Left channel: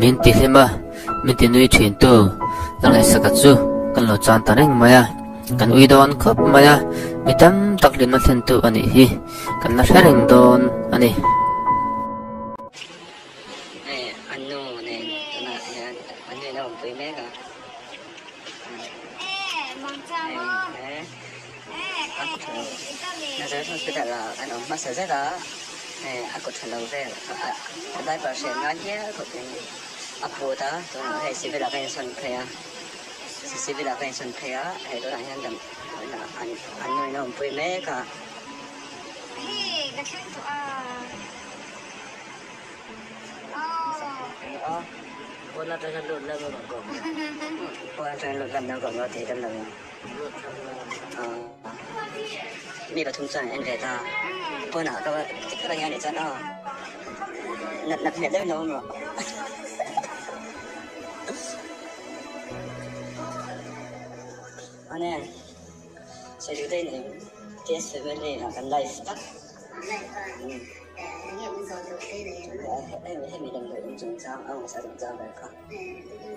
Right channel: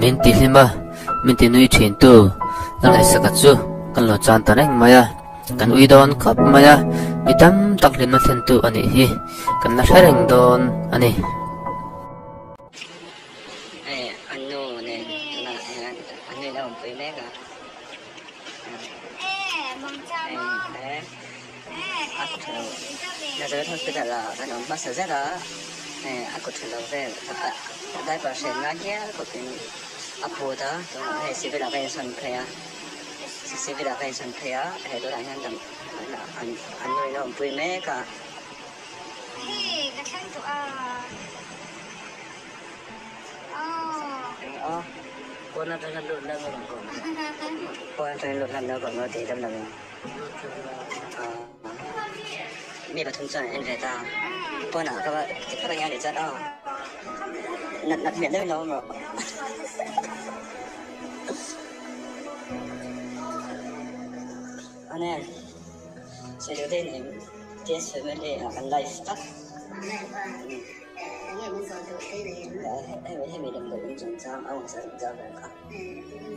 min ti hima min ti nui thin tu dang hai saka chu kan lo chan ta reng maya kan ui don khap maya mi tam tak lim na than tu ani hi kan na thareng don ani anu ne na anu na un pui mega na giờ thôi bây giờ là anh ông master rất là aku terlalu ver ada pasien lagi aku apa dah tu hai si bila kai son kaya si bila kai son kaya hai tu lah yang dam anu yang pui mega datang tu oh kau nak terlalu lut lah kau kau terlalu lut lah kau kau tidak nakมีประทุมใจเห็นใจตาพอหนาก็ว่าจะเข้าไปงานเดี๋ยวจะเอาหนักเนี่ยได้น้องหรออันนี้ใช้ดูได้เนี่ยเทียนสวยเลยกันไลฟ์ตัดได้ไว้ให้มีดำรงจงจำเอาใส่จงจำแบบครับ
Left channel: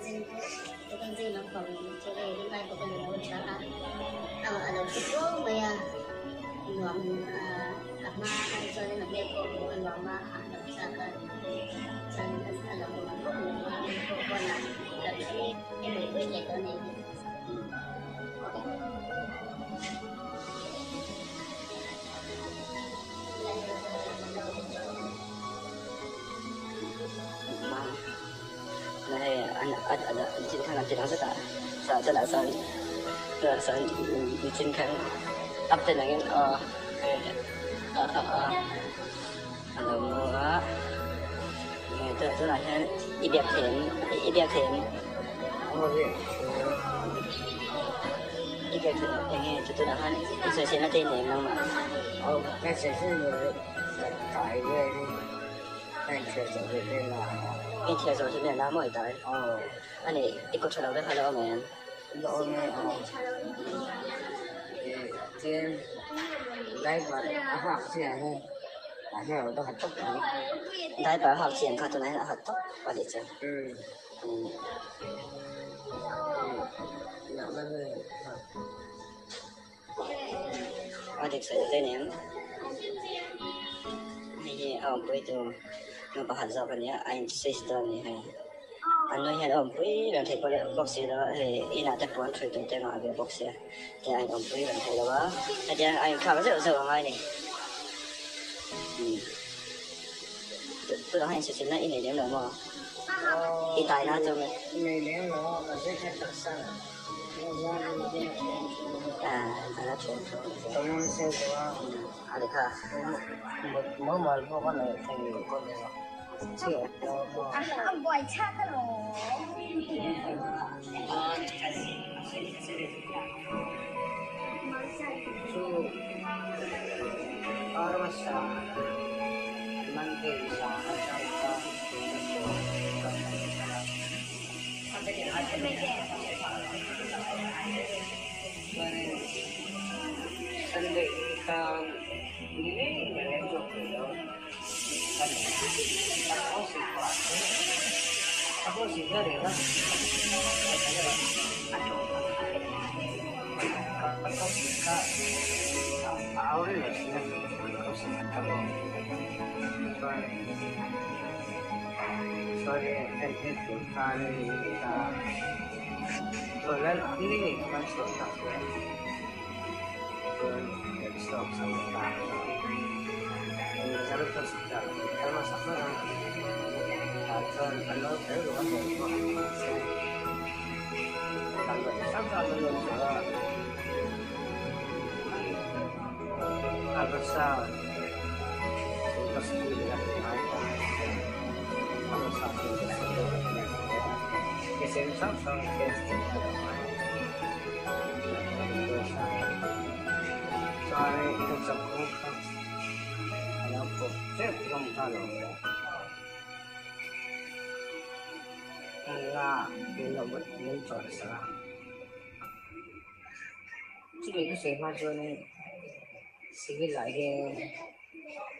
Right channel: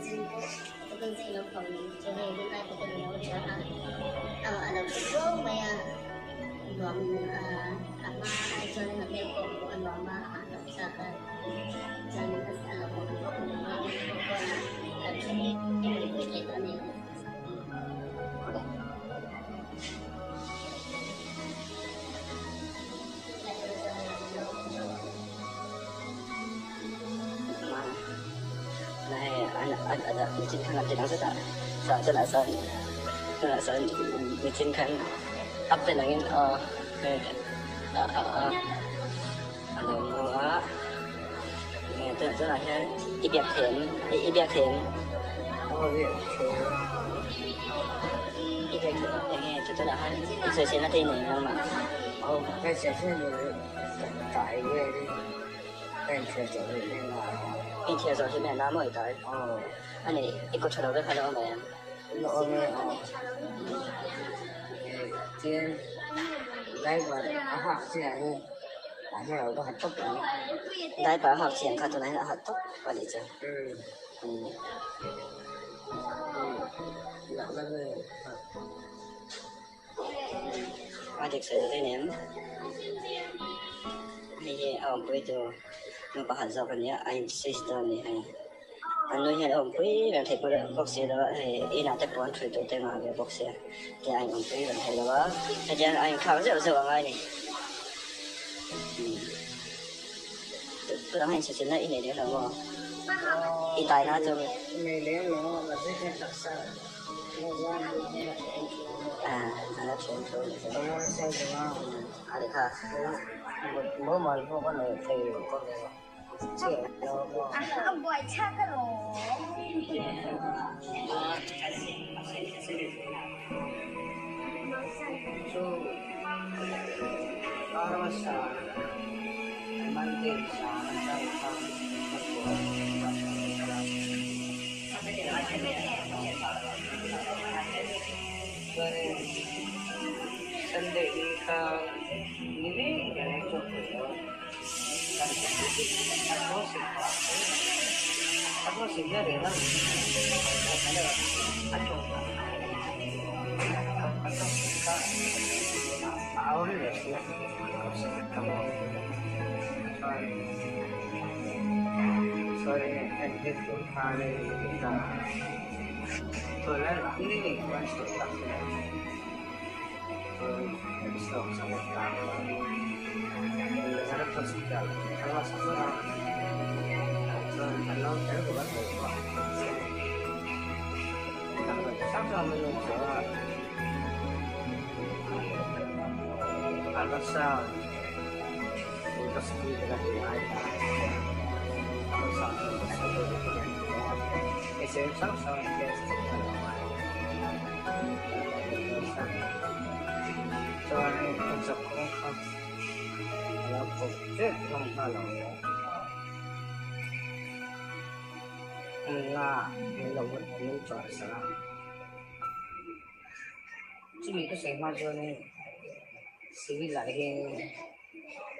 จริงๆเราคงจะได้ไปเป็นโมเดลนะคะเราคิดว่าเมื่อบอกอามาจนเด็กผมบอกว่าจะจนเราคนคนแต่ที่นี่ไม่เห็นตัวนี้anh trên khăn thì nó rất là sợ trên khăn ấp trên này tức là thế ít đẹp thiện ít đẹp thiện nghe tức là hắn sẽ xem nó tên này mà cái sẽ tại cái sẽ là cái chia sẻ trên này là mới tới anh ấy ít có chơi đâu đấy hay đâu mà em lỗi cái đánh vào học sinh hơn anh hiểu nó học tốt lắm đấy bảo học sinh khác tôi nói là học tốt và để chơi và để chơi cái này hay bây giờ nó bảo hạt rau cái này anh sẽ đó này hay anh nói là ông quý là thầy bác sĩ đó thì in hạt tép bón chuyển tới tên mà về bác sĩ thì anh ông quý là thầy đó bây giờ anh khám rất sâu ngay này tôi đang xem xem lại in này nếu nào mà in tài nó cho mình ngày nếu nó là rất là đặc sắc nó chuyển rồi nó xem được được ha mỗi một con này thầy con chưa ông quay chắc cái lỗ Aku sebenarnya kan, aku suka awal lah, aku suka soalnya itu hari kita, soalnya ini masuk tak ya, soalnya stop sampai sangat susah, karena sama. Kalau saya buat kalau saya belum coba apa saya terus lagi apa kalau saya kesenang saya soalnya kan sekolah kalau project kalau là điều bất biến trở ra chỉ vì cái sự mà cho nên sự lại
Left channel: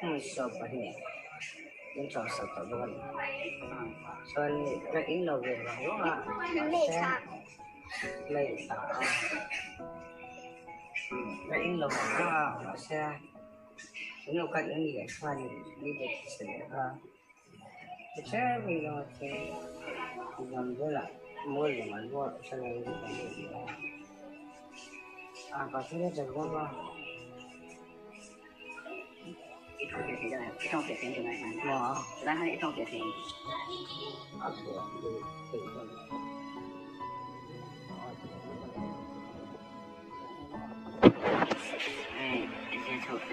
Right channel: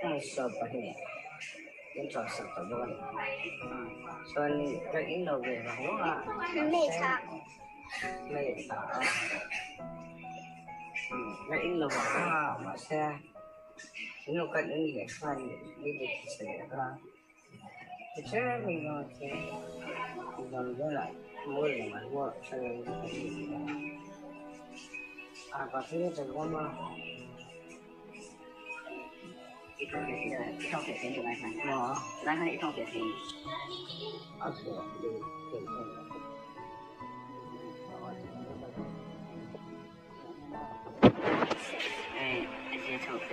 cái sợ bật nhẹ những trò sập ở luôn sơn cái ý đồ việc là đúng không ạ mẹ sao mày sợ cái ý đồ việc đó nó sẽ nó cạnh những cái xoay đi để sẽ thì chứ mình rồi thì làm với lại mua là máy mua sau này và thứ nhất là mua bao ít không thể thêm được này phải đang hay ít không thể thêm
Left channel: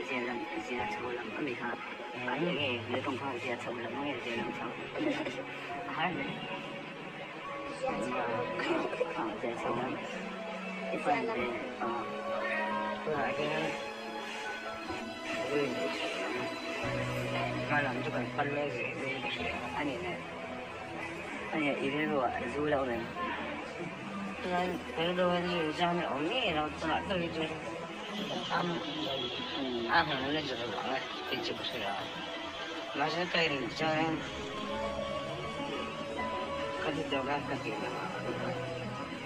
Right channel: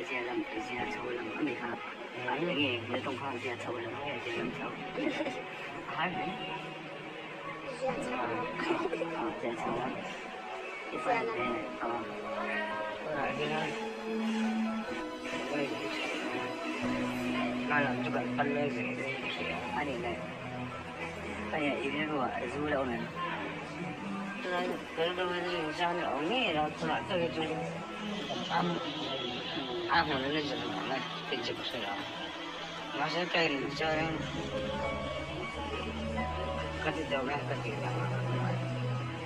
sẽ làm sẽ sâu lắm ở đây ha ấy là nghe nếu không con sẽ sâu lắm nghe sẽ làm sâu hai đấy sẽ sâu lắm cái phần này tôi lại cái làm cho cần phân lên rồi anh này ý rồi du đâu này cái đâu sao lại ổn đấy rồi lại tôi như ăn hồi lên rồi nó lại cái chụp sửa nó sẽ cây này cho nên cái gì đâu cái gì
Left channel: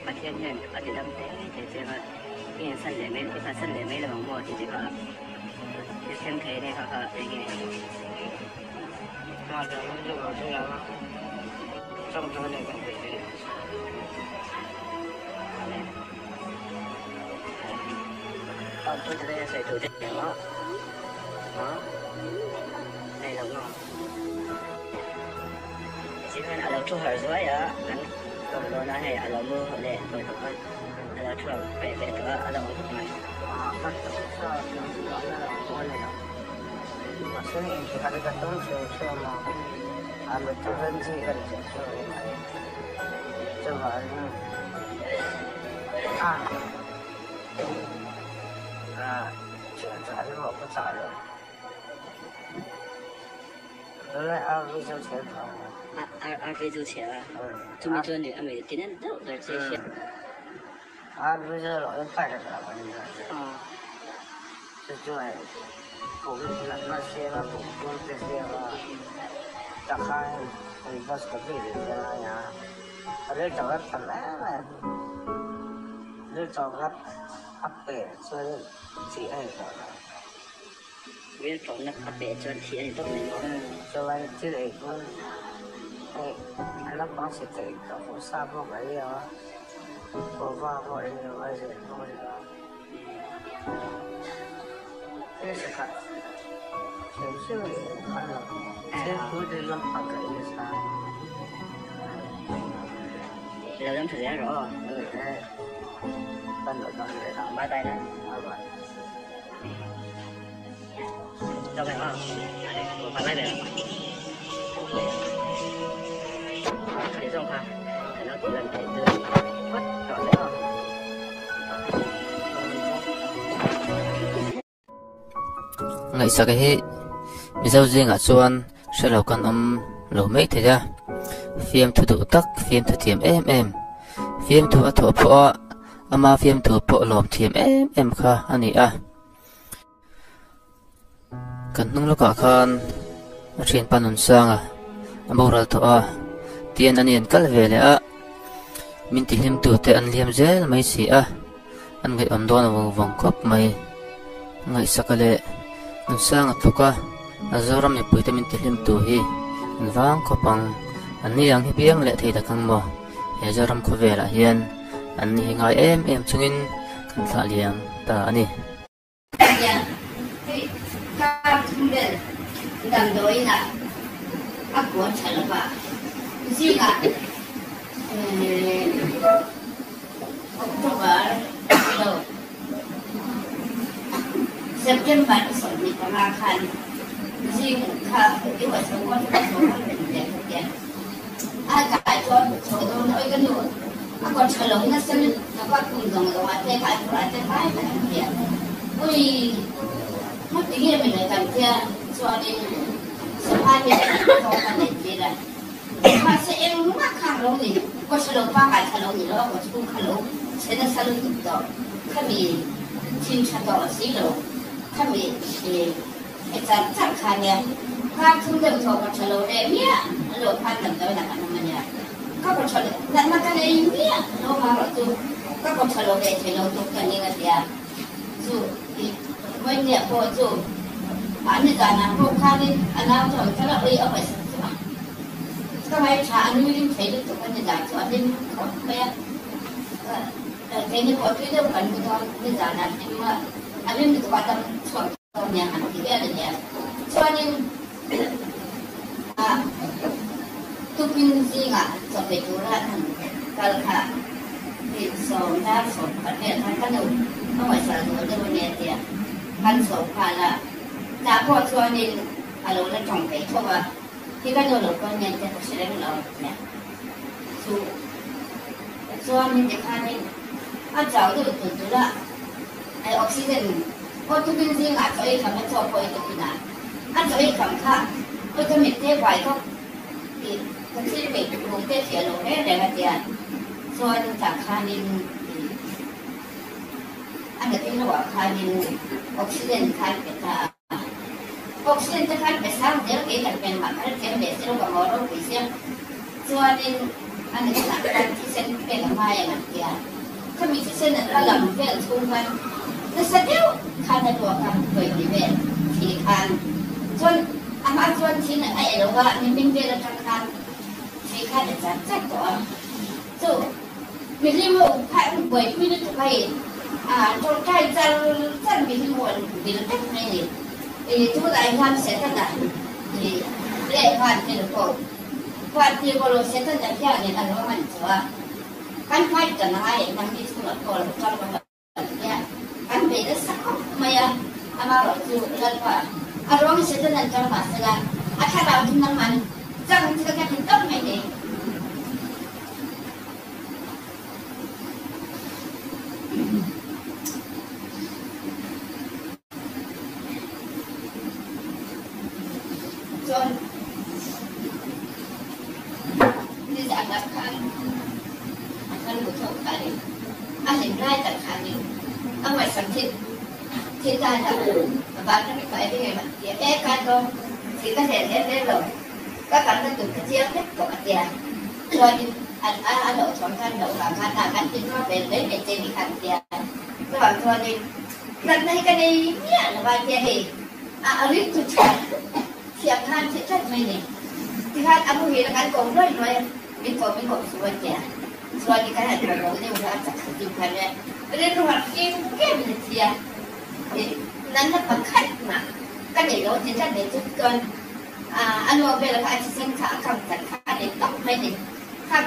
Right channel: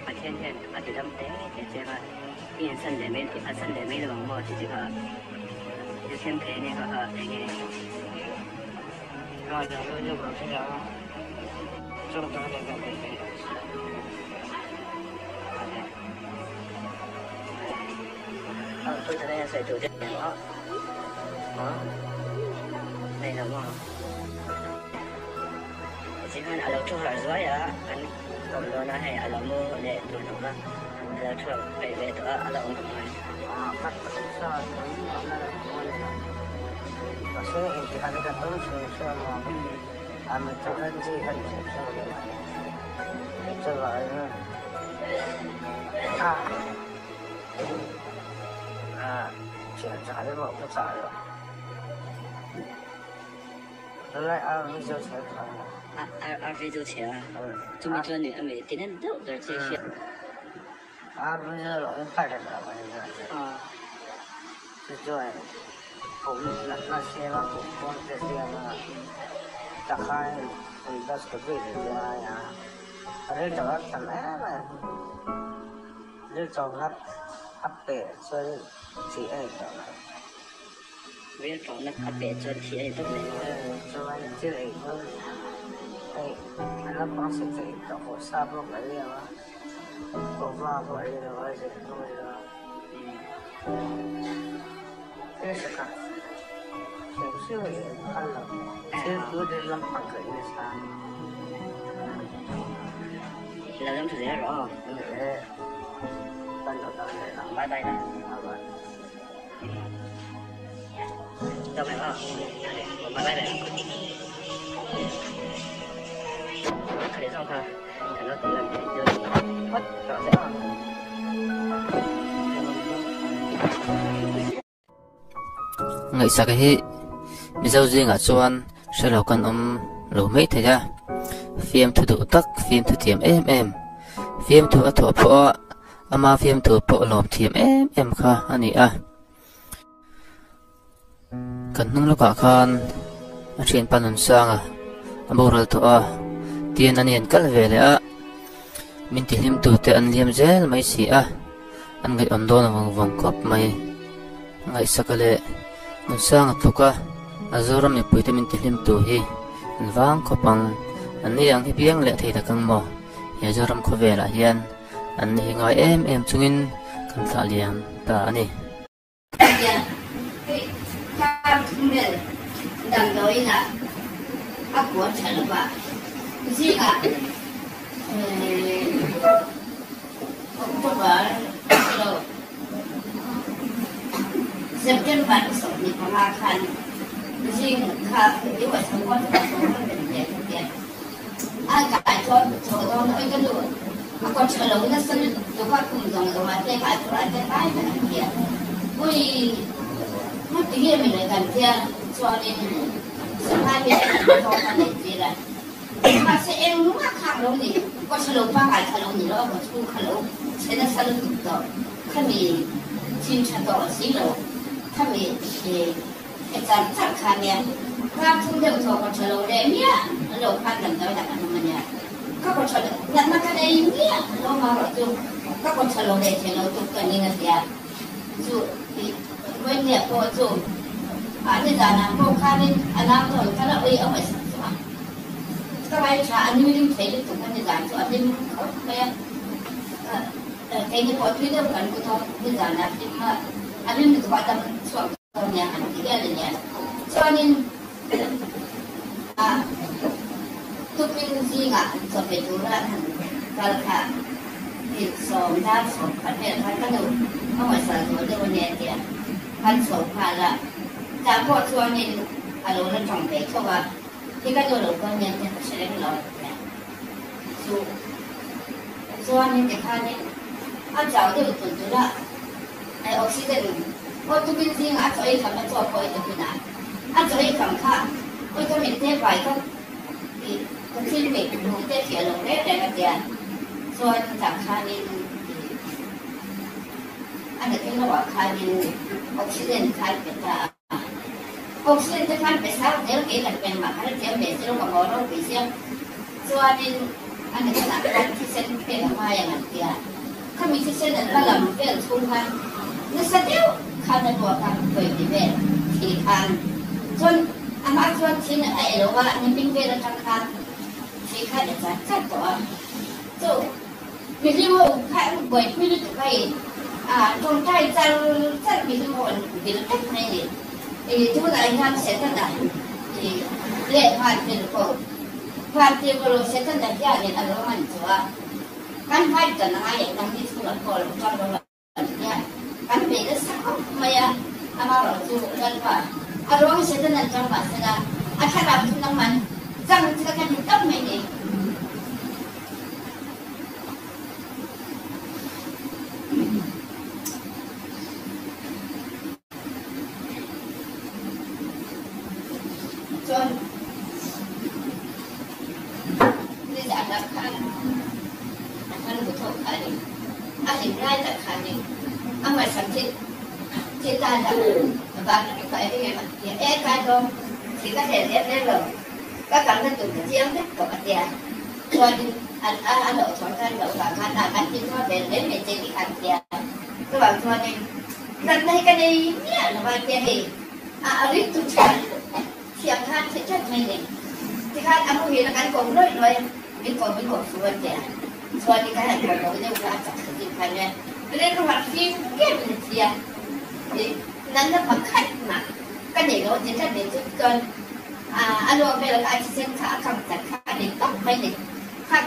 mà thiên ở cái đám thế thì sẽ là cái sân để mấy cái sân để mấy là bằng mồi thì chỉ có cái xem thấy này ở cái này rồi giờ tôi chưa có cái nào trong trong này cái tôi sẽ đây sợi tổ chức đó đây là mỏ chỉ cần ở lâu chút hay dưới á anh còn đó là hay ở lâu mưa hoặc để tôi không ăn rồi chuột phải về nữa ở lâu này các cái sao sẽ thì cái cái tôi sẽ sao mà anh mình tôi lên gì cần sẽ sao cho lại chuyện trả đến một cái trả rồi đó là anh bây giờ sẽ ăn về rồi sẽ chúng mình cho anh về tiến đến đâu rồi sẽ bây giờ loại phải là bao nhiêu rồi cũng là xe là cũng không thể xe là chẳng hay rồi bác có thể đi ra nhà ở đây chẳng có thằng bé mà đây chẳng có hấp bể cho chị em đó viên phòng là hấp bể cho chị em tốt này cho anh chị em cũng anh nó sẽ dạy các phụ sa vô cái này có vào vậy là bây giờ thế sẽ cắt xem xem là cứ đi lâm bằng cái này sao là giống thử rõ rồi anh ở đâu này bye bye đây đâu phải không bye bye đây thấy xong thôi nó tự làm thấy được hết rõ ràng không ngày sau cái mình sau riêng ở chuan sẽ lâu con ông lâu mấy thế ra phim thu tụ tắc phim thu thiểm em phim thu thu phọ ama phim thu phọ lom thiểm em kha anh à cần nung lúc cả khan trên pan hồn sang à ama ra thọ tiền anh hiện cắt về này à mình thì hiểm thu te anh liêm zel mấy xí à anh người ấn đòn vòng vòng cọp mấy ngày sau cái nung sang at luka azoram e puita min tilim tu hi vang kopang ani ang hibiang le thei dakang mo he azoram ko vela hian an hi ngai em chungin kan thla liang ta ani ta men dang doi na a ko chal ba ji a October September so ni pa nga khan si kha i wa so ko den den a ka ai cho do noi kan lu a ko chalo na san do ka ku dong do ma te ka ra te kai ba na ya ko i ma ti ge me na ya so ni so pa ni so pa ni ji ra ma se en ma kha lo ni ko chalo pa ka chalo ni lo ko chu kha lo se na sa lu do ka mi chin cha do si lo他们是在展开的， ความทุ่มเทของคนชะโลเดเมียโลความดังเดียวจากมันเนี่ยก็คนชะโลแต่นักการเองเนี่ยโลมาว่าจุก็คนชะโลเดชะโลตุกันนี่นะเดียสู้ที่ไม่เจ็บพอสู้อันนี้การนำพวกข้านี่อันนั้นถอยก็เราเอาไปสักส่วนก็ไม่ช้าอันนี้ยิ่งเสียจุดกันในการสอนที่เขาไม่เทคนิคที่เรื่องการบุตรที่การนั้นที่มาอันนี้มันตัวตั้งส่วนตรงนี้อันที่อะไรเนี่ยส่วนนี้ทุกปีสิ่งจะเป็นจุดละทันการขาดติดสองด้านสองพันเนี่ยพันขนมต้องไว้สารตัวเดียวเนี่ยเดียพันสองพันละจากพอส่วนนี้พันเราเล่นท่องเที่ยวชัวร์ที่ก็โดนเราก็ยังจะใช้เรื่องเราเนี่ยส่วนนี้เด็กข้านี่อาจารย์ที่ตุ่นตุ่นละไอออกซิเจนพอทุกปีสิ่งจะไอ้ทำให้ชอบพอไอ้ตุ่นน่ะอาจจะไอ้ทำข้าก็จะมีเทียบไปเขาที่เป็นดูเทียบเสียลงได้แต่ละเดือนส่วนจากคานินอันนี้เราว่าคานินออกซิเจนคาเป็นตาออกซิเจนจะคาเป็นสาวเดี๋ยวเกิดเป็นหมันถ้าเดี๋ยวเดี๋ยวเราบอกเราเป็นเสียส่วนนี้อันนี้หนักการที่เส้นเป็นออกมาอย่างนั้นเดียวถ้ามีที่เส้นนั้นก็ลำเป็นทุ่งพันในเส้นเดียวคาเป็นตัวคำเปิดดีเวทสี่พันส่วนอามาส่วนที่ไอ้เราว่านี่เป็นเวลาทางการที่ข้าจะจัดตัวจู่มีที่ว่าข้าป่วยไม่ได้ถูกให้ตรงใกล้จันมีที่ว่าเป็นตัดให้ทุกอย่างทำเสร็จแล้วนะเรียกผ่านที่เราผ่านที่เราเสร็จแล้วจะยากอย่างอะไรว่ามันชัวกันไฟกันอะไรนั่งที่สุดแล้วก็เราจับเราเนี่ยกันเป็นสักไม่อามาเราจู่แล้วว่าอารมณ์เสร็จแล้วจังหวะสักถ้าเราทำน้ำมันจังจะกันต้องไม่เนี่ยที่ได้จากบ้านนั้นไปที่ไงมันเดี๋ยวการก็ที่ก็เห็นได้เลยก็การนั้นตัวเที่ยงเนี่ยตัวเดียวส่วนอันเดียวสองกันเดียวสามพันอันที่ก็เป็นเรื่องเป็นที่ขัดเดียวก็บอกส่วนนี้กันในกันนี้เนี่ยหรือว่าเนี่ยเองอันนี้ตุ่นเสียบพันที่ชดไม่เนี่ยที่ขัดอันนู้นมีแล้วกันโกงด้วยเป็นคนส่วนเดียวส่วนที่การให้คนเราได้รับจากสิ่งพันเนี่ยเรื่องหัดฟิล์มแก้เป็นเทียนั้นนับบังคับมาก็เดี๋ยวจะได้จนอันนู้นเป็นอะไรที่สิ่งขาขับจากขาเด็กต้องไม่เด็กขับ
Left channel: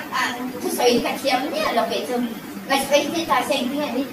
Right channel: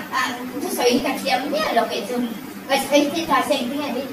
ทุกสิ่งกันเทียมเนี่ยเราเป็นจนไม่ใช่ที่ตาเซ็งแค่นี้